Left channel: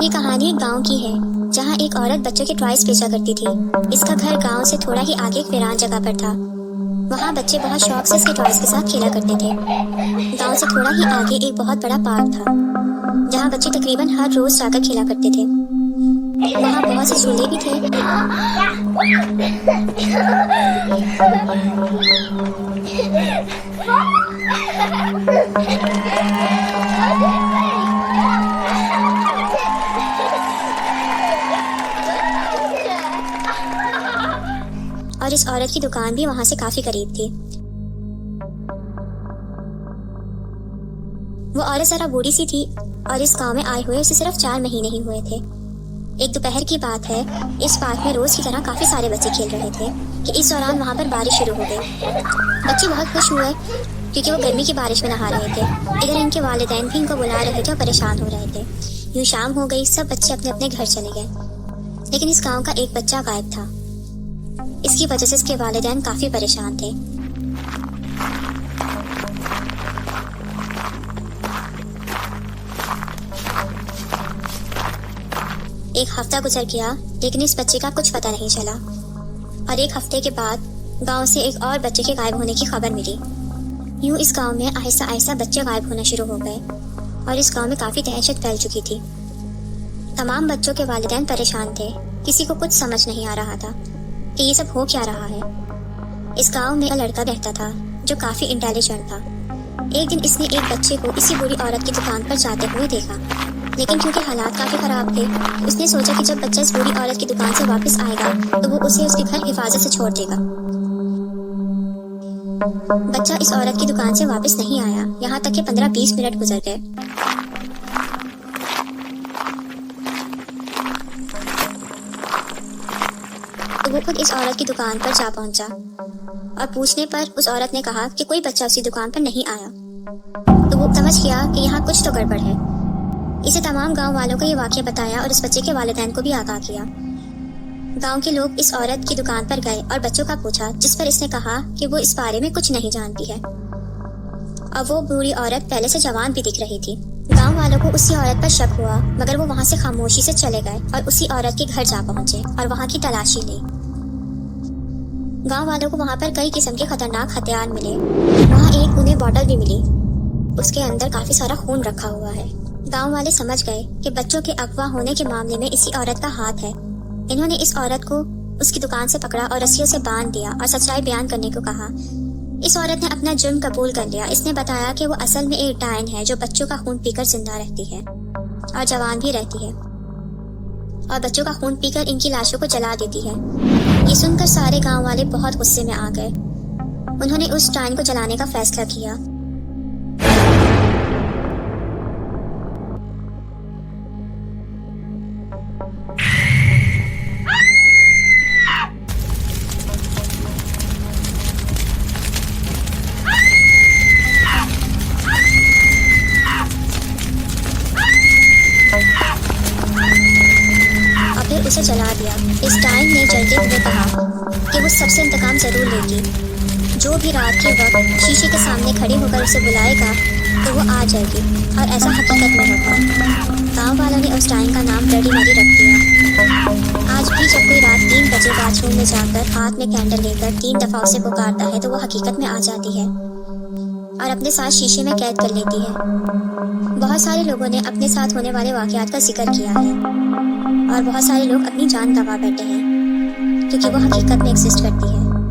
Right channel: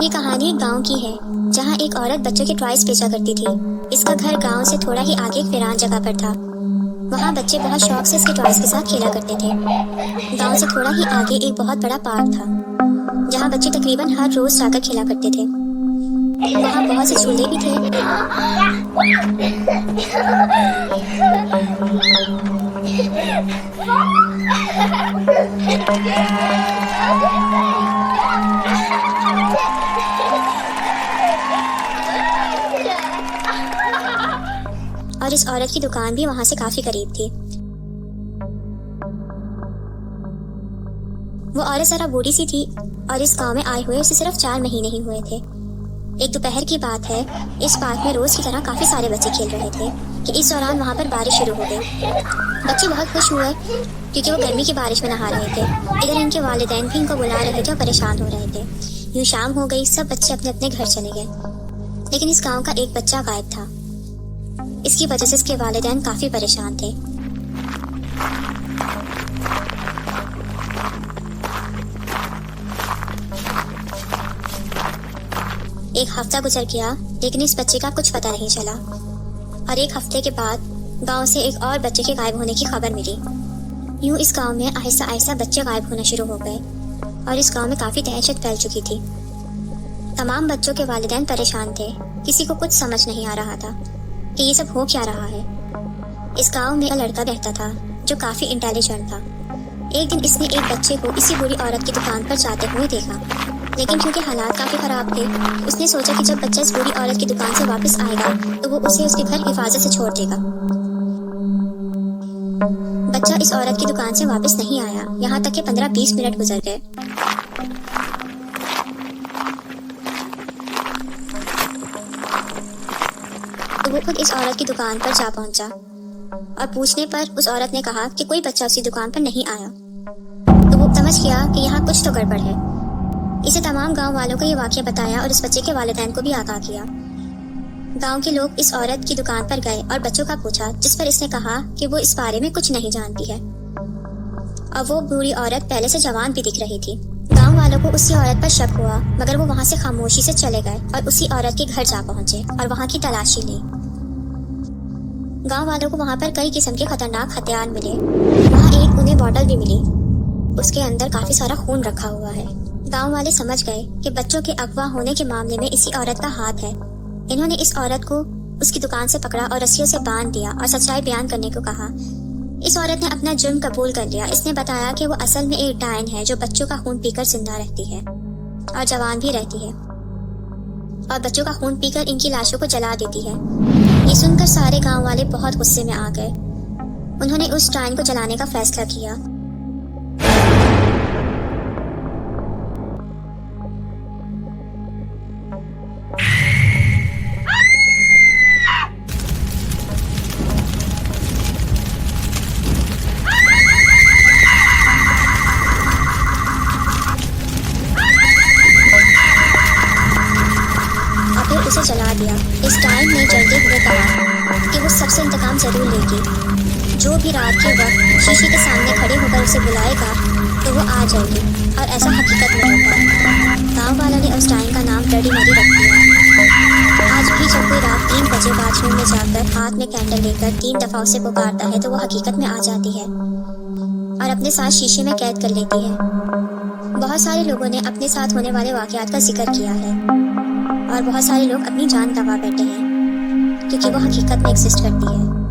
ये कहानी एक गांव की है जहां एक औरत बच्चों के टॉयज बेचा करती थी। इसका घर गांव से थोड़ा ही आगे एक वीरान जगह पर था। वहां बच्चे बड़ा शौक से इसके टॉयज के साथ खेला करते थे। गांव से थोड़ा ही आगे एक बहुत बड़ा पार्क था जहां बच्चे तकरीबन हर रोज जाकर खेला करते थे। वहां बहुत से झूले भी थे। और इस औरत की दुकान भी वहां से काफी करीब थी। वो औरत जरा बूढ़ी सी थी और इस गांव में आए हुए उसे सिर्फ 4 महीने ही हुए थे। एक दोपहर की बात है, इस पार्क में रोज की तरह काफी सारे बच्चे खेल रहे थे कि इस दौरान वहां पर बारिश शुरू हो गई। बच्चे बहुत खुश हुए क्योंकि वो गर्मी की बारिश में नहा रहे थे, इधर इनके वालिदैन भी इनको बुला रहे थे और परेशान हो रहे थे। यूं शाम हो गई, सब बच्चे अपने अपने घर चले गए, लेकिन इस गांव का एक बच्चा गायब था। इसकी वजह से इसके वालिदैन काफी परेशान थे। एक हफ्ता गुजर गया, लेकिन इस बच्चे का कुछ पता नहीं चला। और एक हफ्ते के बाद गांव से एक और बच्चे के गायब होने की खबर मिली। यूं इस गांव में आहिस्ता आहिस्ता बच्चे गायब होना शुरू हो गए और इस गांव में काफी दहशत फैल चुकी थी। तमाम बच्चों के वालिदैन परेशान थे। किसी को कुछ समझ नहीं आ रहा था कि ये सब हो क्या रहा है। इस गांव में एक लड़का रहता था जो काफी इंटेलिजेंट था। एक दिन इसने एक बच्चे को इसी बूढ़ी औरत की दुकान पर जाते हुए देखा, लेकिन क्योंकि हालात काफी खराब थे, उसने सोचा कि जब बच्चा इस बूढ़ी औरत की दुकान से वापस आएगा तो वो उसे उसके घर हिफाजत से छोड़ देगा। बच्चा इस औरत की दुकान से वापस नहीं आया, यहाँ तक कि 15-20 मिनट गुजर गए। तो वो खुद इस औरत की दुकान पर जा पहुंचा और पूछने पर उस औरत ने कहा कि कोई बच्चा उसकी दुकान पर नहीं आया। तो वो समझ गया कि यहाँ कुछ तो गड़बड़ है। इसे तमाम गांव वालों को ये वाकया बताया और इस बच्चे के वालिदैन को भी आगाह किया। गांव के लोग इस औरत की दुकान पर गए और बच्चों का पूछा, जिस पर इसने कहा कि वो इस बारे में कुछ नहीं जानती है। और वो बूढ़ी औरत पहले से जवान भी दिख रही थी। गांव वालों को उसी औरत पर शक हुआ, मगर वो वहां से खामोशी से चले गए और उसी औरत के घर जा पहुंचे और वहां की तलाशी ली। गांव वालों को वहां पर कई किस्म के खतरनाक हथियार मिले। वहां एक उन्हें बॉटल भी मिली, उसके अंदर काफी सारा खून रखा हुआ है। गांव वाले समझ गए कि बच्चों के अगवा होने के मामले में इसी औरत का हाथ है। इन्होंने इस औरत को उसकी दुकान से पकड़ा और रस्सियों से बांध दिया और सच्चाई बयान करने को कहा। इस औरत ने अपना जुर्म कबूल कर लिया। इसने बताया कि वो असल में एक डायन है जो बच्चों का खून पीकर जिंदा रहती है और जवान भी रहती है और बच्चों का खून पीकर इनकी लाशों को जला देती है। ये सुनकर सारे गांव वाले बहुत गुस्से में आ गए। उन्होंने उस डायन को जलाने का फैसला किया। उसे जला दिया। इस डायन ने जलते हुए कहा कि वो सबसे इंतकाम जरूर लेगी। जो भी रात के वक्त शीशे के सामने खड़े होकर उसे बुलाएगा तो वो आ जाएगी, और ऐसा हकीकत में होगा। गांव वालों ने उस डायन का नाम ब्लडी मैरी रख दिया। आज भी जब कोई रात 3 बजे बाथरूम में जाकर हाथ में कैंडल लेकर 3 दफा उसे पुकारता है तो वो हकीकत में आ जाती है और अपने साथ शीशे में कैद कर लेती है। बहुत सारे लोगों ने अपने साथ होने वाले वाकयात का जिक्र किया है और बहुत सारे लोग अपनी जान गंवा बैठे हैं क्योंकि वो हकीकत में एग्जिस्ट करती है।